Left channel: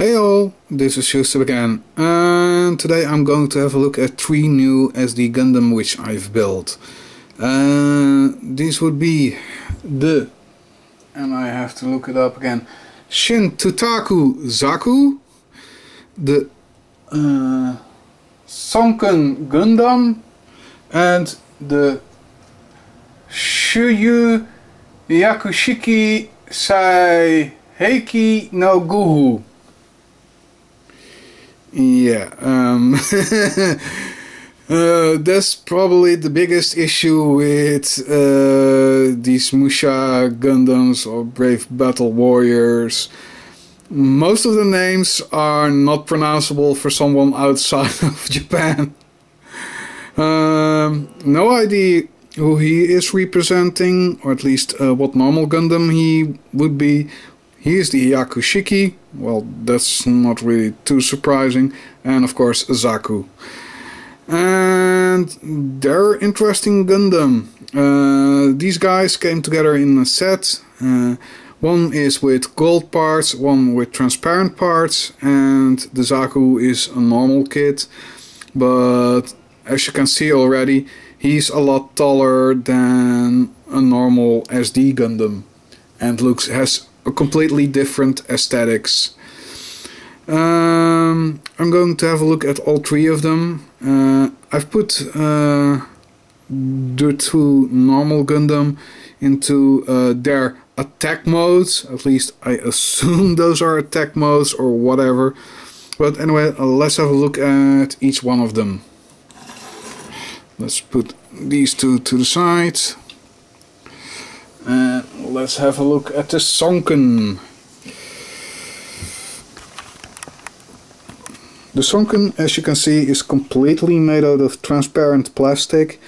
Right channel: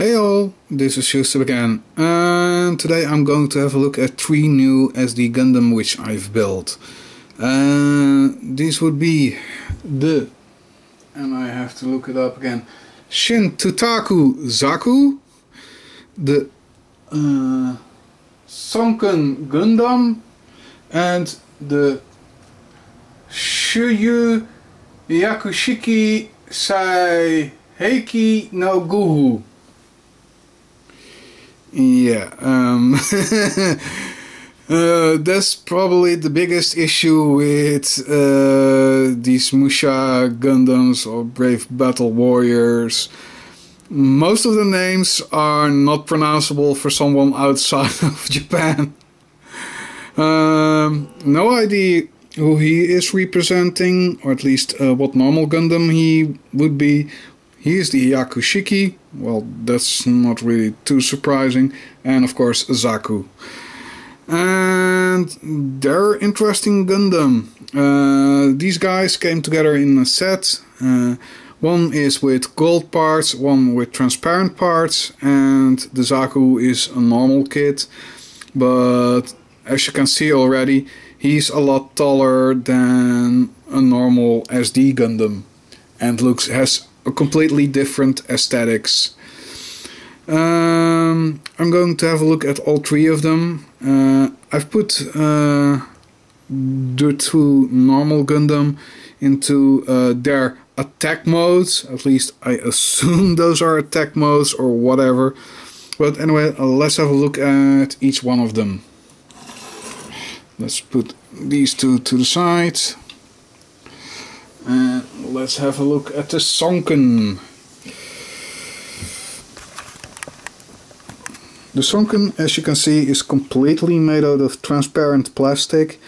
Hey all, this is Eucep again, and today I'm going to have a look at 3 new SD Gundam which I've built. These would be the, and I have to look it up again, Shin Toutaku Zaku, the Sonken Gundam, and the Shuuyu Hyakushiki Sekiheki no Gouhou. Yeah, that's probably the biggest issue with these Musha Gundams or Brave Battle Warriors. Most of the names are not pronounceable for someone outside of Japan. No idea who he is representing, or at least what normal Gundam he would be. He is the Hyaku Shiki, well, that's not really too surprising, and of course Zaku. And they're interesting Gundam. These guys came together in a set. One is with gold parts, one with transparent parts, and the Zaku is a normal kit. But as you can see already, he's a lot taller than a normal SD Gundam, and has a completely different aesthetics. I'm going to have a look at all 3 of them. I've put the 2 normal Gundam into their attack modes. At least I assume those are attack modes or whatever. But anyway, let's have a look at each one of them. Let's put these 2 to the side. And let's have a look at the Sonken. The Sonken, as you can see, is completely made out of transparent plastic.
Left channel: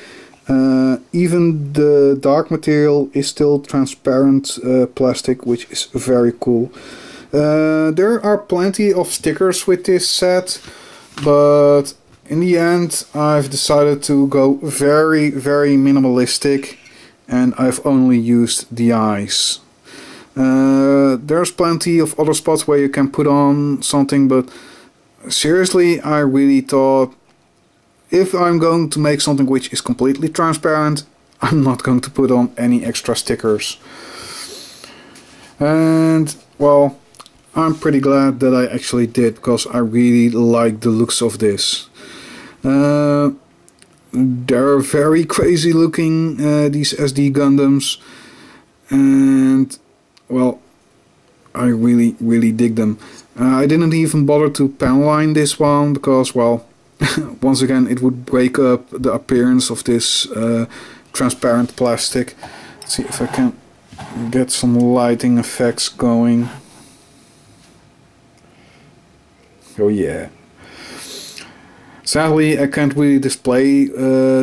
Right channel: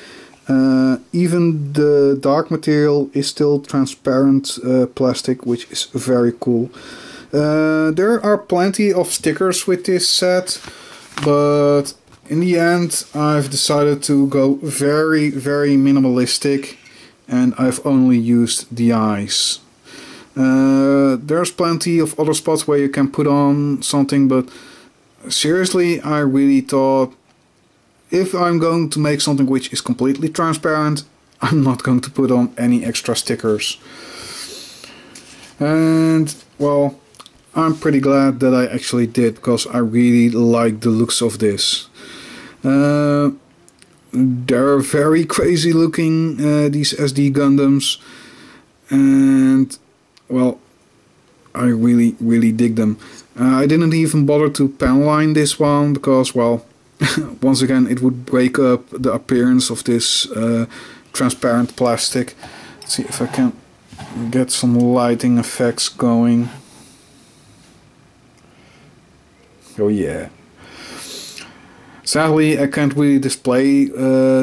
Even the dark material is still transparent plastic, which is very cool. There are plenty of stickers with this set, but in the end I've decided to go very minimalistic, and I've only used the eyes. There's plenty of other spots where you can put on something, but seriously, I really thought if I'm going to make something which is completely transparent, I'm not going to put on any extra stickers. And well, I'm pretty glad that I actually did, because I really like the looks of this. They're very crazy looking, these SD Gundams, and well, I really dig them. I didn't even bother to panline this one because, well, once again it would break up the appearance of this transparent plastic. Let's see if I can get some lighting effects going. Oh yeah. Sadly, I can't really display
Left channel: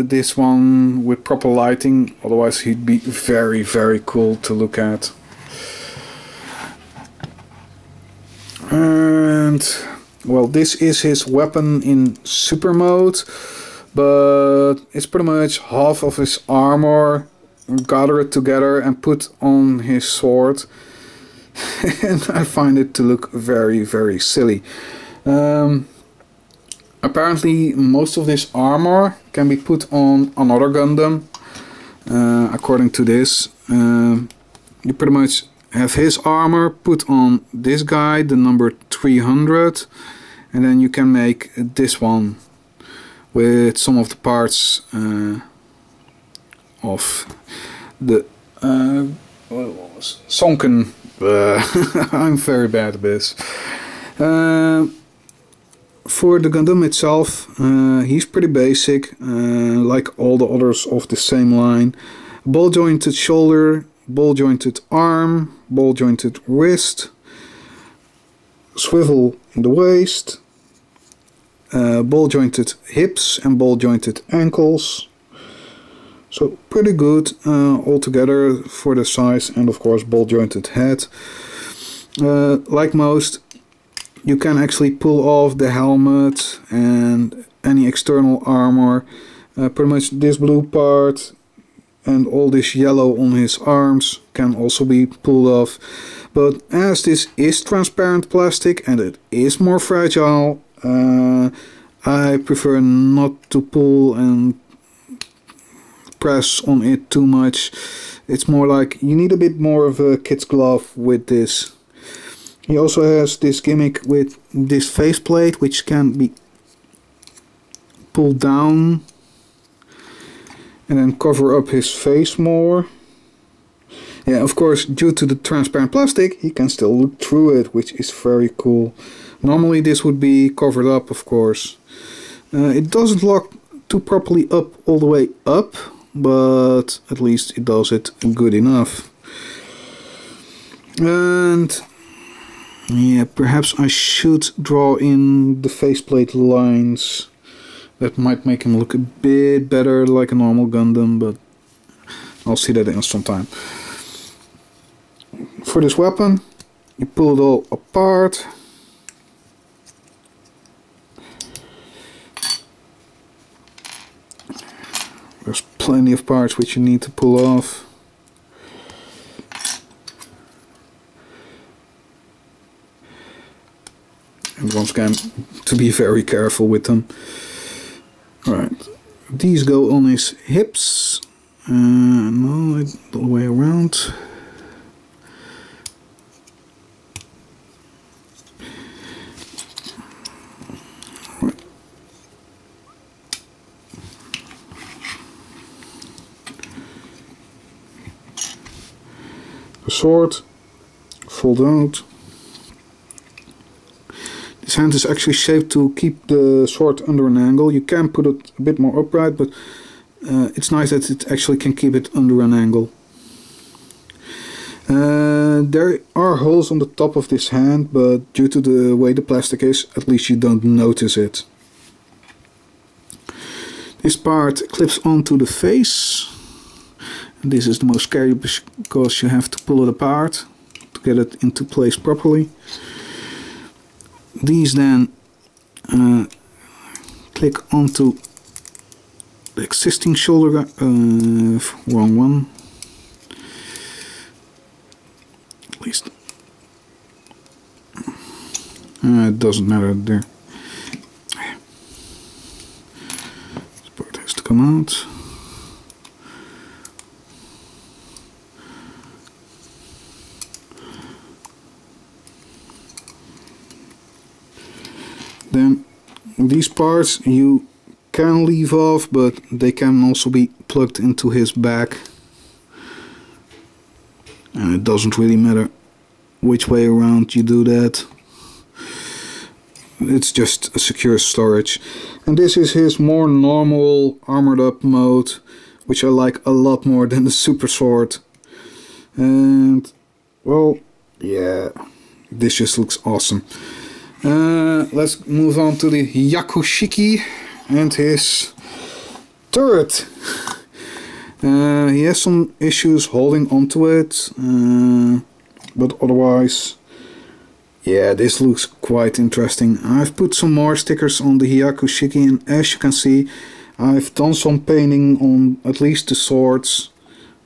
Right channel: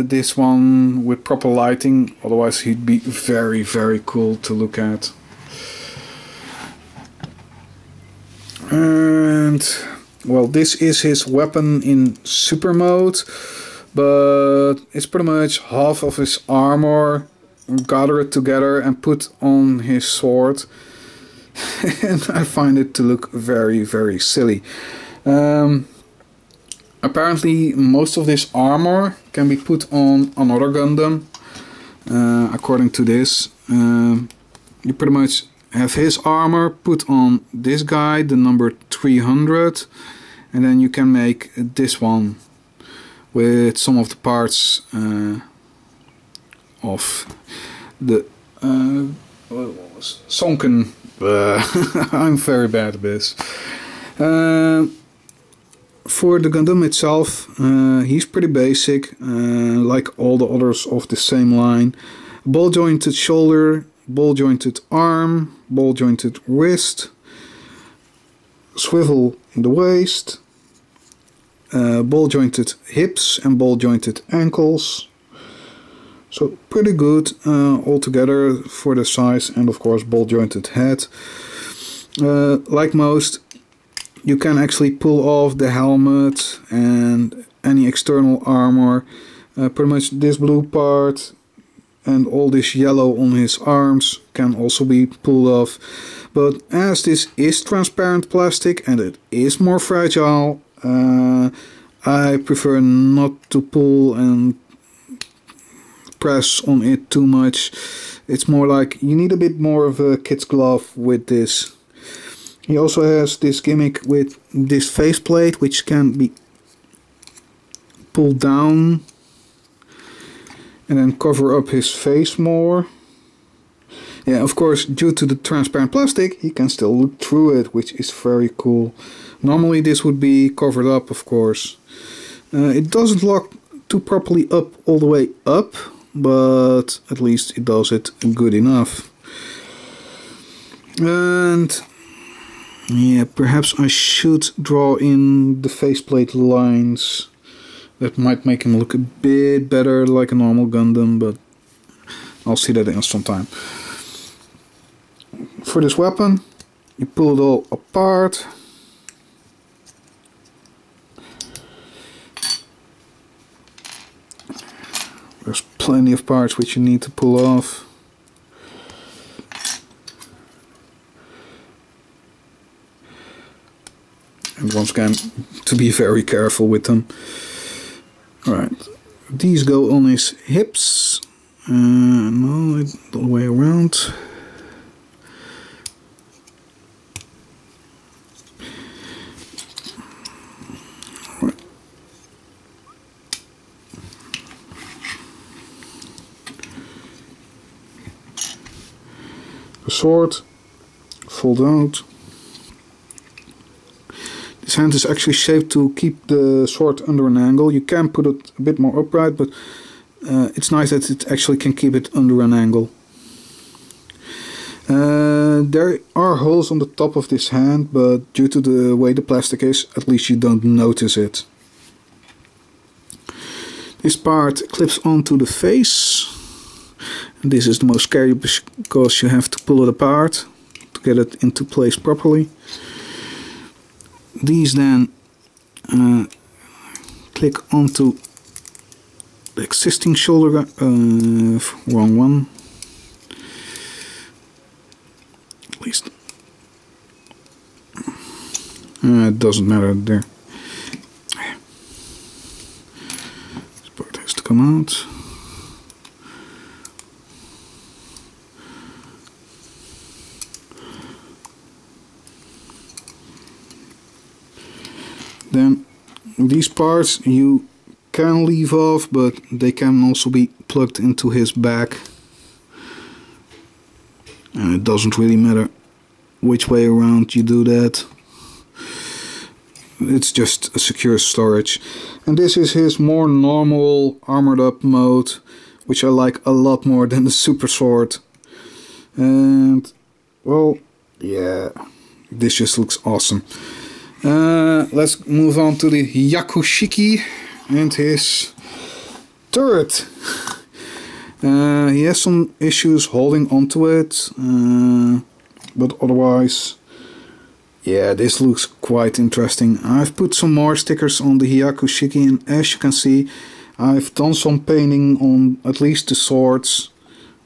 this one with proper lighting, otherwise he'd be very cool to look at. And well, this is his weapon in super mode, but it's pretty much half of his armor gathered together and put on his sword. And I find it to look very silly. Apparently most of this armor can be put on another Gundam. According to this, you pretty much have his armor put on this guy, the number 300, and then you can make this one with some of the parts of the Sonken. I'm very bad at this. For the Gundam itself, he's pretty basic, like all the others of the same line. Ball jointed shoulder, ball jointed arm, ball jointed wrist, swivel in the waist, ball jointed hips and ball jointed ankles. So pretty good altogether for the size, and of course ball jointed head. Like most, you can actually pull off the helmet and any external armor. Pretty much this blue part and all this yellow on his arms can also be pulled off. But as this is transparent plastic and it is more fragile, I prefer not to pull and press on it too much. It's more like you need a bit more of a kid's glove with this. He also has this gimmick with this faceplate, which can be pulled down and then cover up his face more. Yeah, of course, due to the transparent plastic, he can still look through it, which is very cool. Normally this would be covered up, of course. It doesn't lock too properly up all the way up, but at least it does it good enough. And yeah, perhaps I should draw in the faceplate lines. That might make him look a bit better like a normal Gundam, but I'll see that in some time. For this weapon, you pull it all apart. There's plenty of parts which you need to pull off. And once again, to be very careful with them. Alright, these go on his hips. No, the way around. The sword, fold out. This hand is actually shaped to keep the sword under an angle. You can put it a bit more upright, but it's nice that it actually can keep it under an angle. There are holes on the top of this hand, but due to the way the plastic is, at least you don't notice it. This part clips onto the face. And this is the most scary because you have to pull it apart to get it into place properly. These then click onto the existing shoulder, wrong one, at least, it doesn't matter there. This part has to come out. Then these parts you can leave off, but they can also be plugged into his back. And it doesn't really matter which way around you do that. It's just a secure storage. And this is his more normal armored up mode, which I like a lot more than the super sword. And well, yeah, this just looks awesome. Let's move on to the Hyakushiki and his turret. He has some issues holding onto it, but otherwise, yeah, this looks quite interesting. I've put some more stickers on the Hyakushiki, and as you can see, I've done some painting on at least the swords,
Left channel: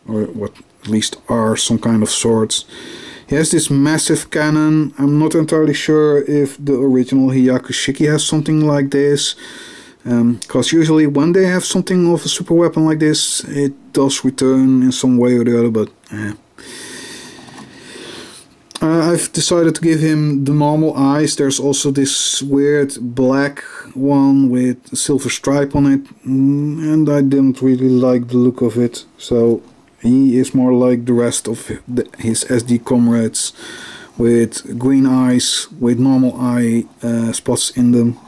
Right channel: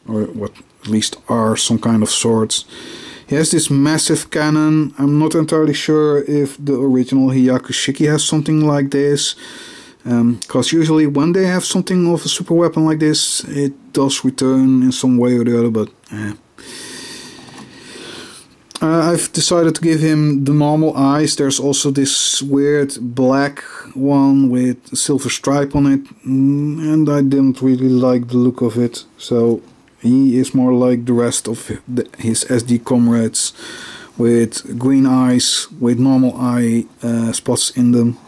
or what at least are some kind of swords. He has this massive cannon. I'm not entirely sure if the original Hyakushiki has something like this, because usually when they have something of a super weapon like this, it does return in some way or the other, but I've decided to give him the normal eyes. There's also this weird black one with a silver stripe on it, and I didn't really like the look of it, so he is more like the rest of his SD comrades, with green eyes, with normal eye spots in them.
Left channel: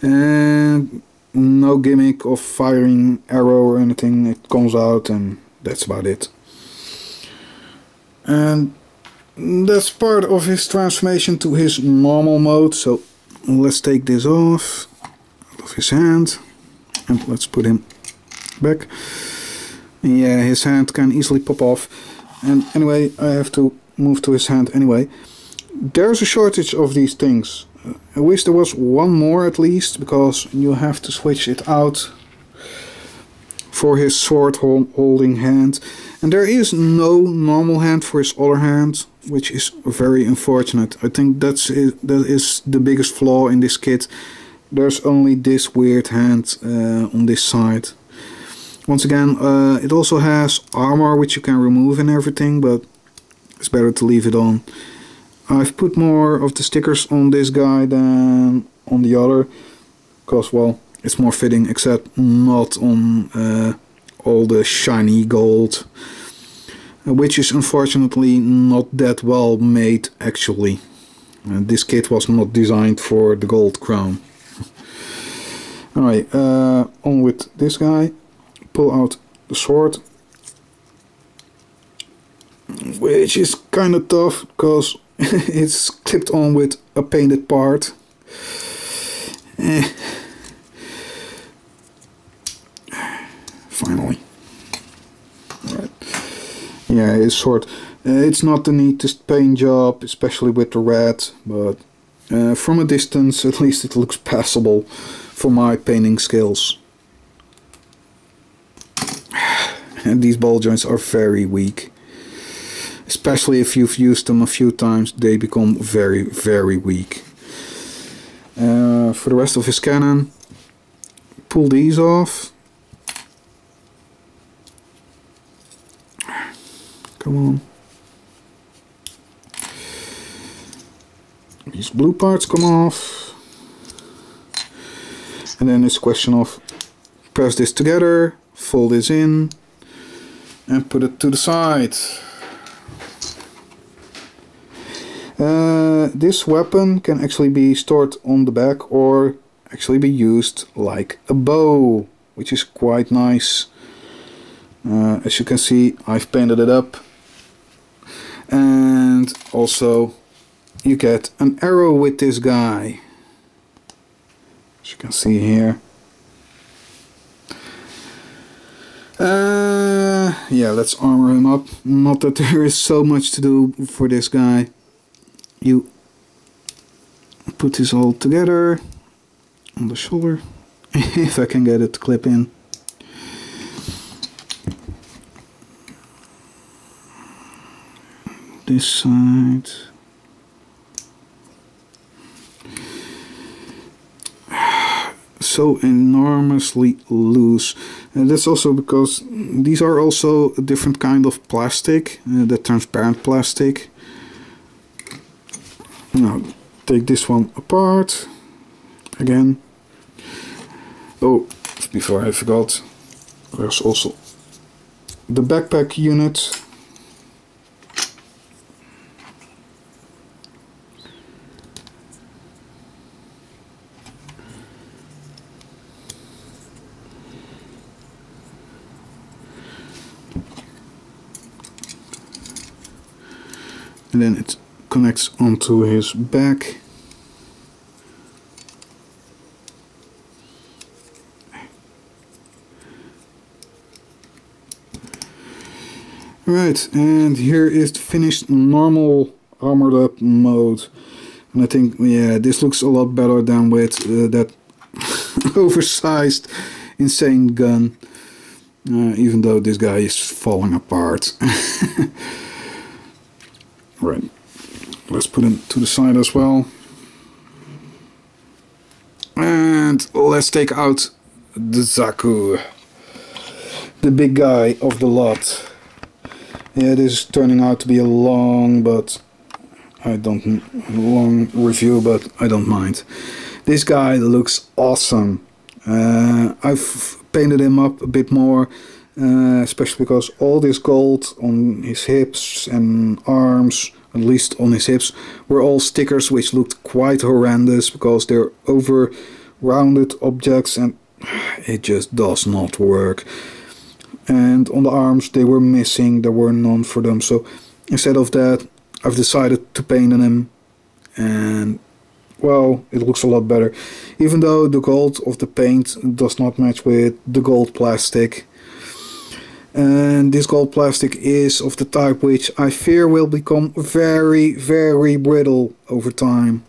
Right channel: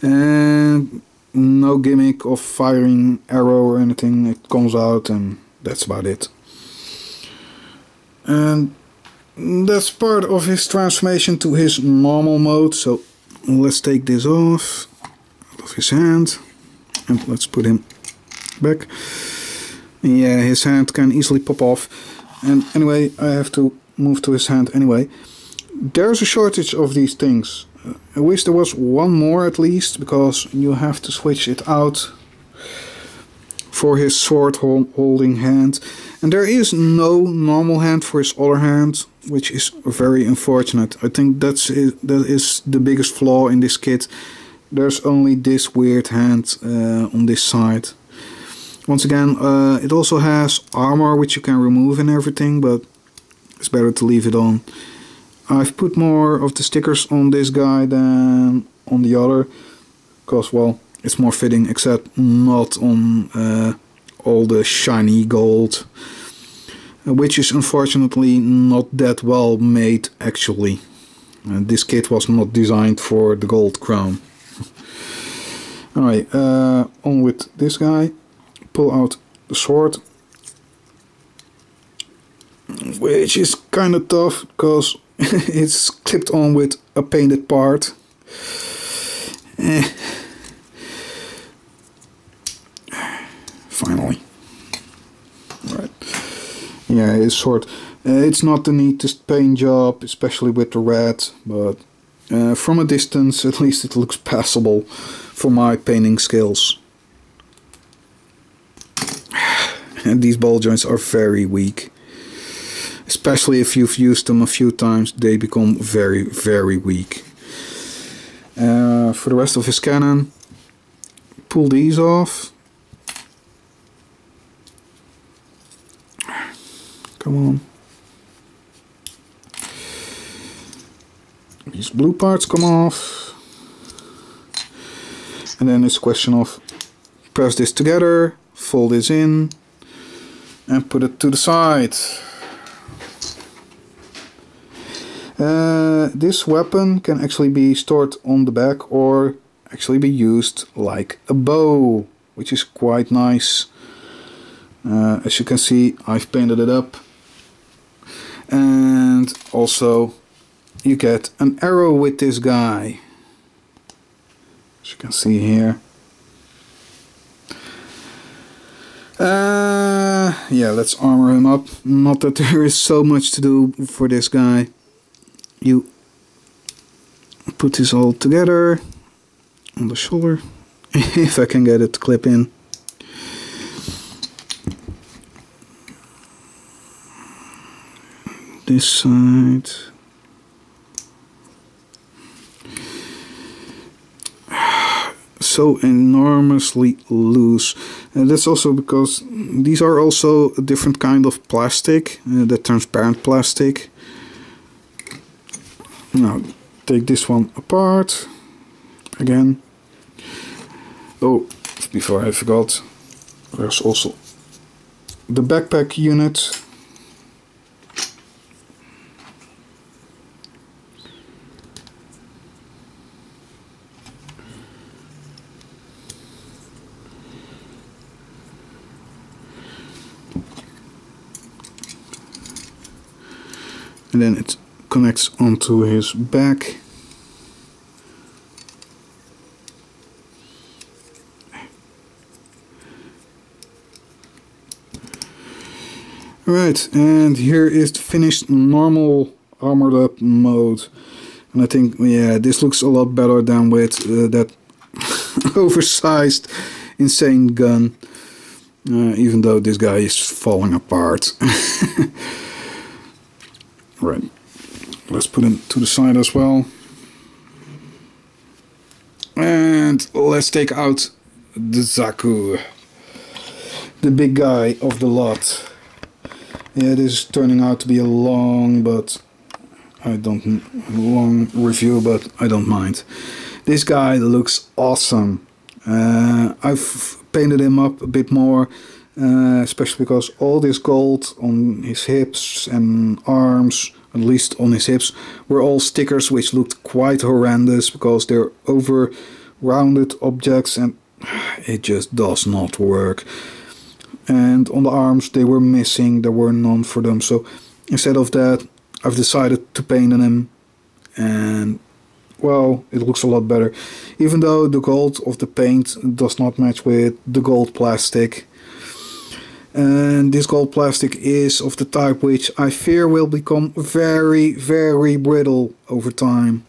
And no gimmick of firing arrow or anything. It comes out and that's about it. And that's part of his transformation to his normal mode. So let's take this off out of his hand and let's put him back. Yeah, his hand can easily pop off. And anyway, I have to move to his hand anyway. There's a shortage of these things. I wish there was one more at least, because you have to switch it out for his sword holding hand, and there is no normal hand for his other hand, which is very unfortunate. I think that is the biggest flaw in this kit. There's only this weird hand on this side. Once again, it also has armor which you can remove and everything, but it's better to leave it on. I've put more of the stickers on this guy than on the other, because, well, it's more fitting, except not on all the shiny gold, which is unfortunately not that well made actually. This kit was not designed for the gold crown. Alright, on with this guy. Pull out the sword, which is kind of tough because it's clipped on with a painted part. Finally. Right. Yeah, his sword. It's not the neatest paint job, especially with the red, but from a distance at least it looks passable for my painting skills. And these ball joints are very weak. Especially if you've used them a few times, they become very, very weak. For the rest of his cannon, pull these off. Come on. These blue parts come off. And then it's a question of press this together, fold this in, and put it to the side. This weapon can actually be stored on the back or actually be used like a bow, which is quite nice. As you can see, I've painted it up. And also you get an arrow with this guy, as you can see here. Yeah, let's armor him up. Not that there is so much to do for this guy. You put this all together on the shoulder, if I can get it to clip in. This side. So enormously loose, and that's also because these are also a different kind of plastic, the transparent plastic. Now take this one apart again. Oh, before I forgot, there's also the backpack unit. And then it connects onto his back. Right, and here is the finished normal armored up mode. And I think, yeah, this looks a lot better than with that oversized insane gun. Even though this guy is falling apart. Right, let's put him to the side as well. And let's take out the Zaku, the big guy of the lot. Yeah, this is turning out to be a long review, but I don't mind. This guy looks awesome. I've painted him up a bit more. Especially because all this gold on his hips and arms, at least on his hips, were all stickers which looked quite horrendous because they're over rounded objects and it just does not work. And on the arms they were missing, there were none for them, so instead of that I've decided to paint on him, and well, it looks a lot better, even though the gold of the paint does not match with the gold plastic. And this gold plastic is of the type which I fear will become very, very brittle over time.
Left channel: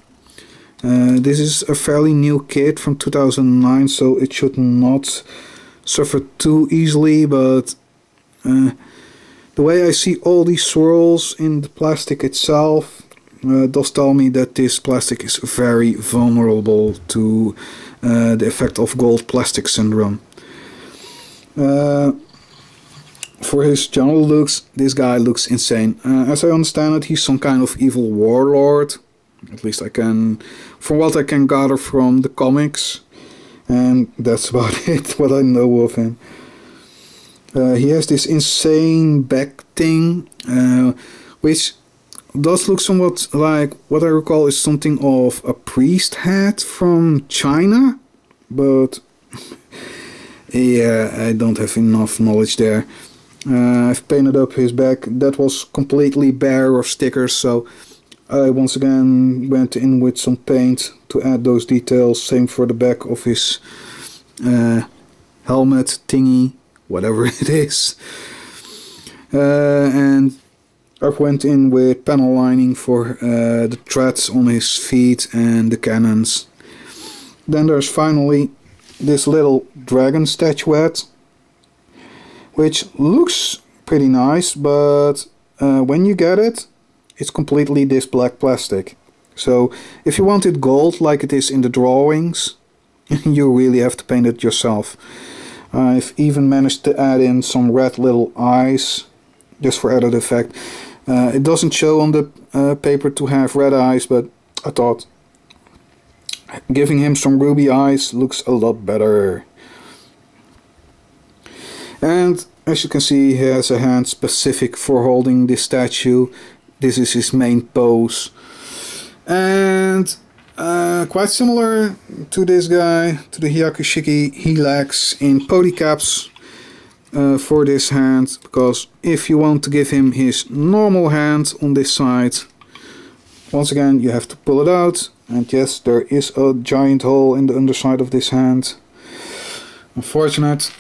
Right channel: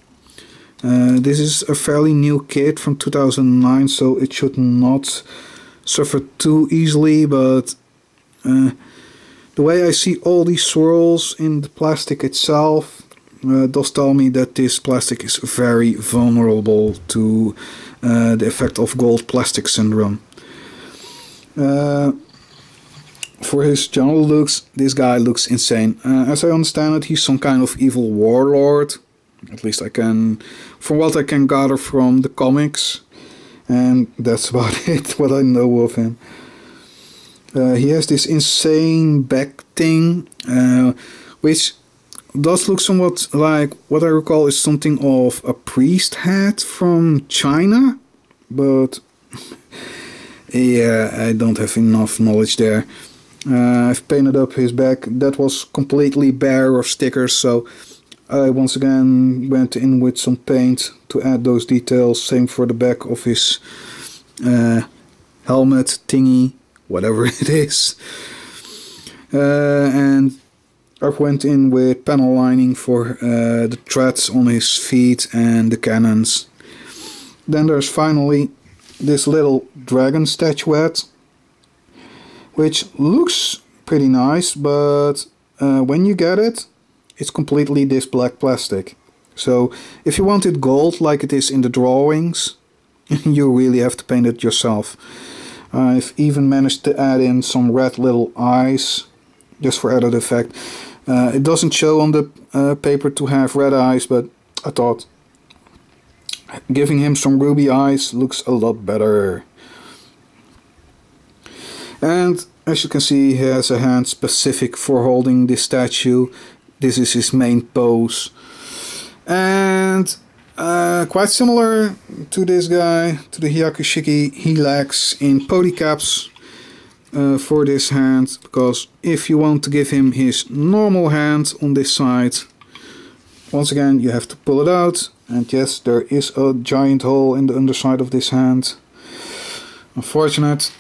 This is a fairly new kit from 2009, so it should not suffer too easily, but the way I see all these swirls in the plastic itself does tell me that this plastic is very vulnerable to the effect of gold plastic syndrome. For his general looks, this guy looks insane. As I understand it, he's some kind of evil warlord. At least from what I can gather from the comics. And that's about it, what I know of him. He has this insane back thing, which does look somewhat like what I recall is something of a priest hat from China. But yeah, I don't have enough knowledge there. I've painted up his back. That was completely bare of stickers, so I once again went in with some paint to add those details. Same for the back of his helmet thingy, whatever it is. And I went in with panel lining for the treads on his feet and the cannons. Then there's finally this little dragon statuette, which looks pretty nice, but when you get it, it's completely this black plastic. So if you want it gold like it is in the drawings, you really have to paint it yourself. I've even managed to add in some red little eyes, just for added effect. It doesn't show on the paper to have red eyes, but I thought giving him some ruby eyes looks a lot better. And as you can see, he has a hand specific for holding this statue. This is his main pose. And quite similar to this guy, to the Hyakushiki, he lacks in pody caps for this hand, because if you want to give him his normal hand on this side, once again you have to pull it out, and yes, there is a giant hole in the underside of this hand. Unfortunate,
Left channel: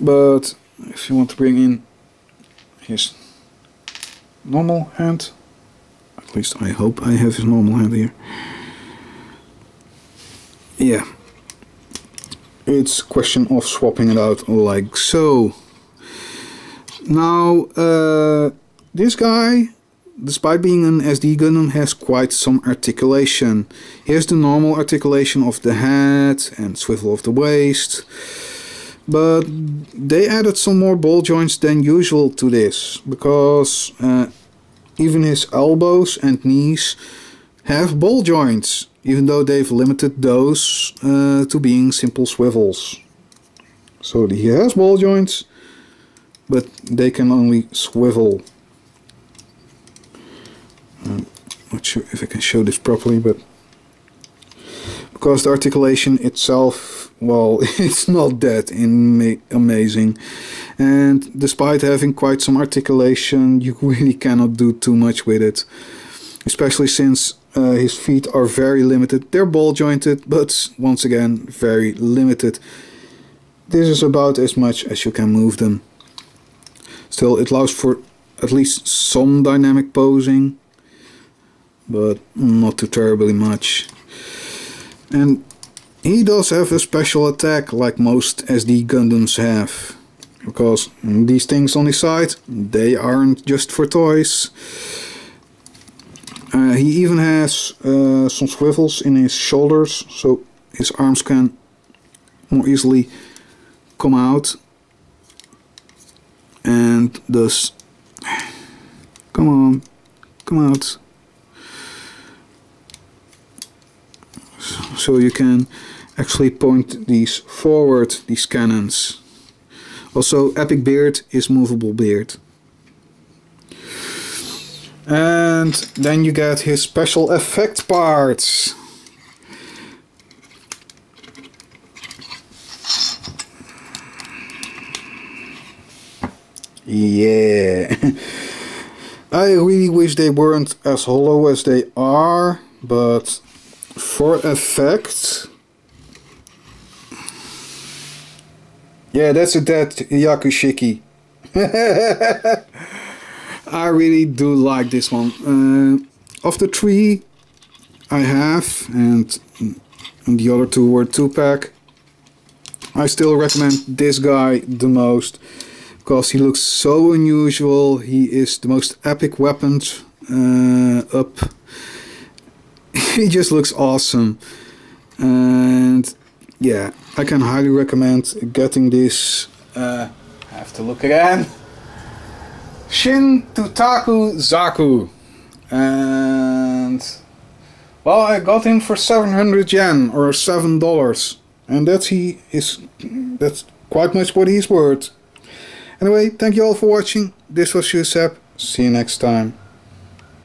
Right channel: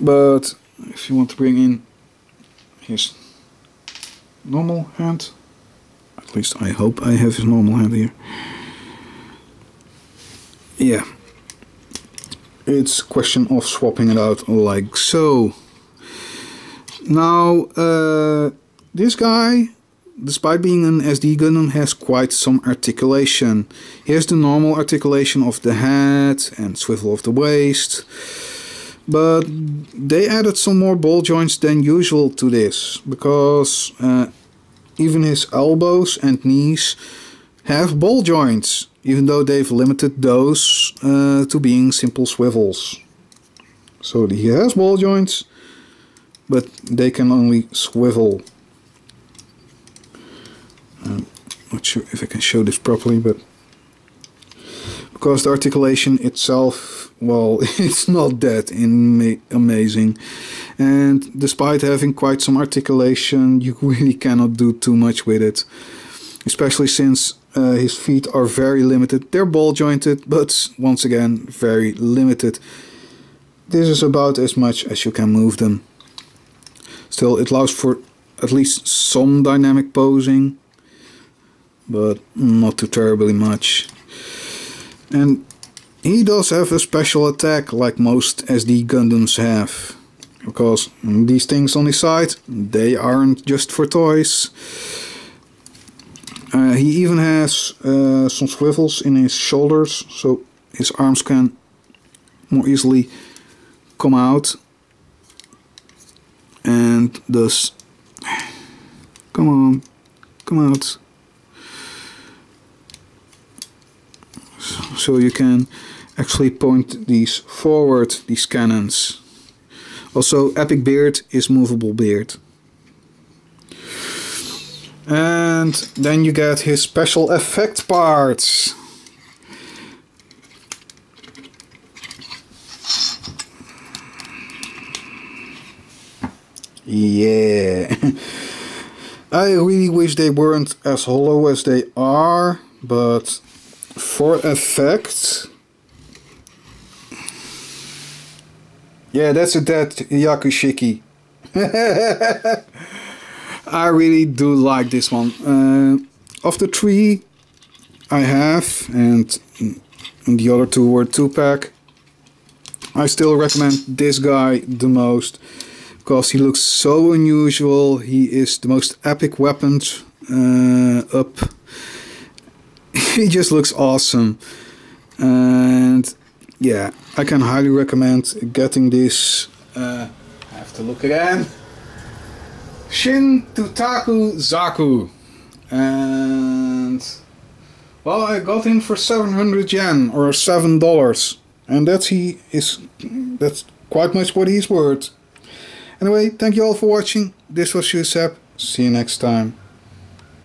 but if you want to bring in his normal hand, at least I hope I have his normal hand here. Yeah, it's a question of swapping it out like so. Now, this guy, despite being an SD Gundam, has quite some articulation. Here's the normal articulation of the head and swivel of the waist. But they added some more ball joints than usual to this, because even his elbows and knees have ball joints, even though they've limited those to being simple swivels. So he has ball joints, but they can only swivel. Not sure if I can show this properly, but because the articulation itself, well, it's not that amazing. And despite having quite some articulation, you really cannot do too much with it. Especially since his feet are very limited. They're ball jointed, but once again, very limited. This is about as much as you can move them. Still, it allows for at least some dynamic posing, but not too terribly much. And he does have a special attack like most SD Gundams have, because these things on his side, they aren't just for toys. He even has some swivels in his shoulders, so his arms can more easily come out. And thus, come on, come out. So you can actually point these forward, these cannons. Also, Epic Beard is movable beard. And then you get his special effect parts. Yeah. I really wish they weren't as hollow as they are, but for effect, yeah, that's a dead Hyakushiki. I really do like this one. Of the three I have, and the other two were 2-pack, I still recommend this guy the most, because he looks so unusual. He is the most epic weapons up. He just looks awesome. And yeah, I can highly recommend getting this. I have to look again. Shin Toutaku Zaku. And well, I got him for 700 yen or $7. And that's quite much what he's worth. Anyway, thank you all for watching. This was Eucep. See you next time.